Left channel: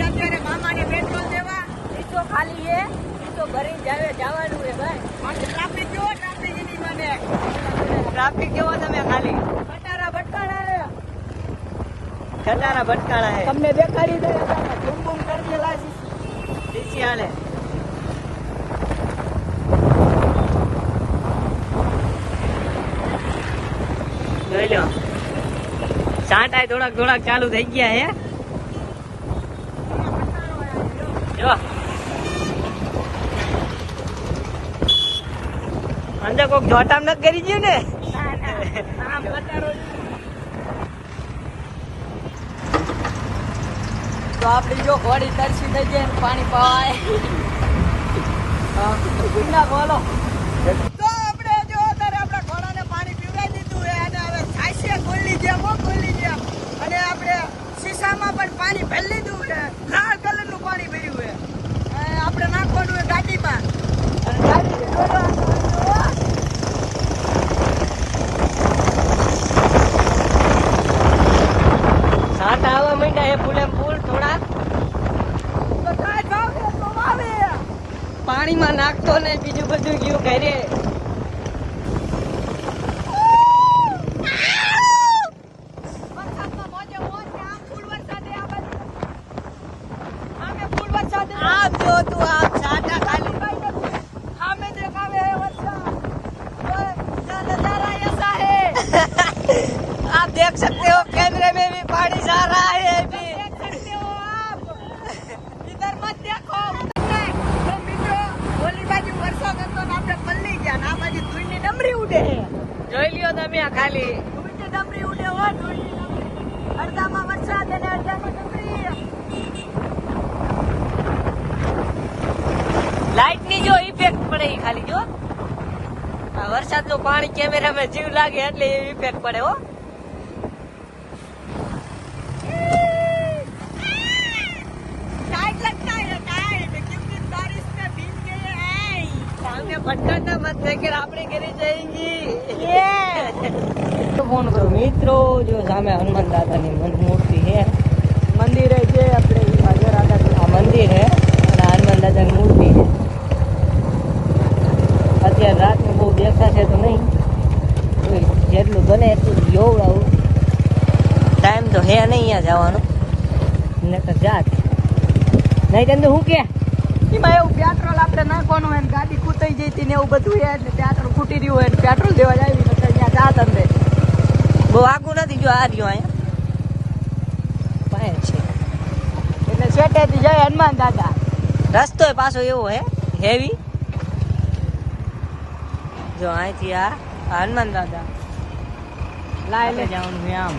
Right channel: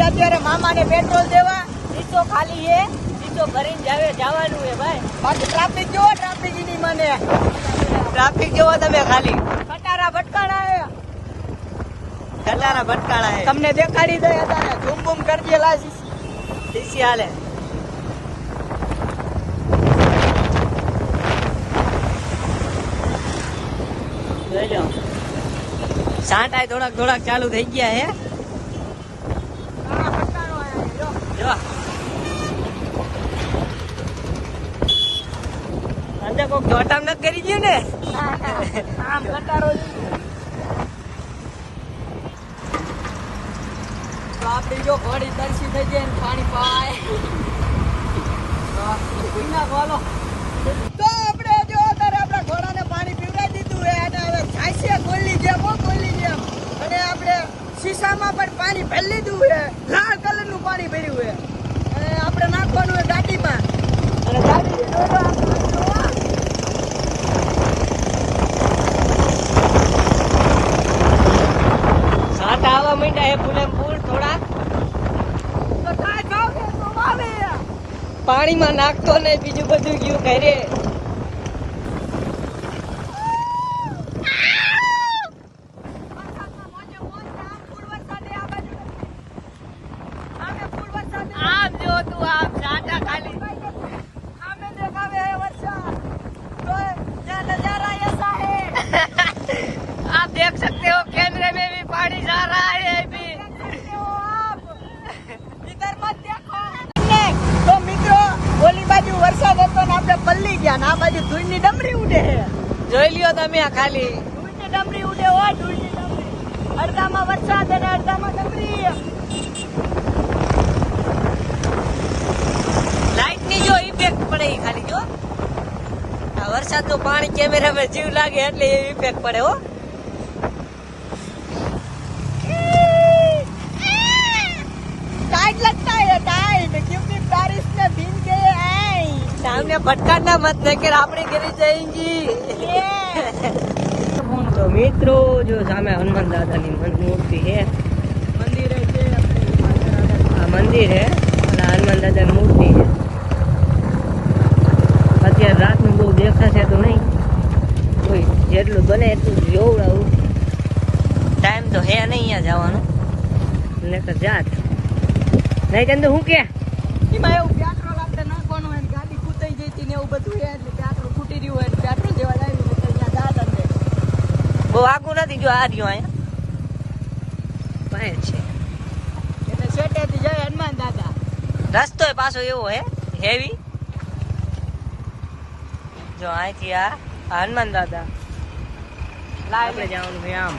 છીએ અત્યારે મામાને પેટ્રોલ દેવા. ઈસો ખાલી છે, ઈસો ભરીને જવાનું છે ભાઈ. બાકી ટ્રાફિક જોવો, ટ્રાફિક ની મને ટ્રાફિક જોવો તમે ખાલી. કટારા ભટકાણા હે, કટારા ભટકાણા હે. તમને દેખાડી દે ઝૂમ બૂમ કરી દેલા સીસી હાલે. જોઈ લો સાંટા થોડાક ચાલુ થઈ ગયા હે. જો અંદર કોક જોટામ ન કરી દે ને. આમ કટારો તો આપડી જો ઘોડી તરસી થઈ જાય ને પાણી પાવાય. ગુના બોલો તો આપણે જો અત્યારે આપણા ઘોડાને પાણી પીવડાવી દીધું છે અને હવે છાંસીએ ગોલી જેમ અને આપણે શીશામાં પણ પાણી ભરી લીધું છે. લાલ કલરનું પાણી ભર્યું છે. આપણે નાખવાનું છે ગાડીમાં. સાંટા આવવા માંડ્યા હે ફૂલે ફૂલ થોડાક. તો કાંઈ ભાવ છે તો આવે પાણીમાં નાખતો ને બીજું બધું ગયું કરીએ. આમ જો તું આમ સાંટા ખાલી आप देख सकते हो कैमरे में भी पानी जा रहा है अभी. इधर मत देखो. तो મિત્રો ઓલી બાજુ વરસાદ હતો ને આપણે પલ્લી ગયા ને આ બાજુ ધૂળની ડમરી ઉડે છે. જોઈ લ્યો તમે આ ખાલી ધૂળની ડમરી ઉડે હોય. ધૂળની ડમરી અડધામાં વરસાદ અને અડધામાં ડમરી. લાઈટ ની જો ઇફેક્ટ પડે ખાલી જો આ વરસાદ નું પાણી કેમેરામાં જીવ લાગે એટલે ઇફેક્ટ પડે હો. ભટકાના મત દેખર આપણે ઘરે જઈશું. તો મિત્રો જો સામે હનુમાન દાદાની મૂર્તિ છે. મંદિર છે આપણે આ મંદિર છે અને હનુમાન દાદાની મૂર્તિ છે. અત્યારે રાતનું બહુ દેખાશે તો નહીં, કોઈ જેટલું બને એટલું જોવડાવું. ટાઈમ તો હે નહીં અહીંયા જવાનો ને તો જાત નહીં તેમ તો હું કે એમાં એવું પેટ્રોલ આપણે નાખવાનું હોય ને ગાડી કૂટાઈ જઈ હતી ને એવું બધું છે એટલે પેટ્રોલ ખૂટી રહ્યું હોય ને પેટ્રોલ દેવા જાય ને ત્યાં જાત અંદર બહુ આગું નથી. જો આ રહ્યું અહીંયા પાસે છે એટલે શેટેથી જાય હનુમાન દાદા. રસ્તો પાછો એવો હે હેવી. જો અહીંથી આ હનુમાન દાદા આપણે જવાનું છે આમ.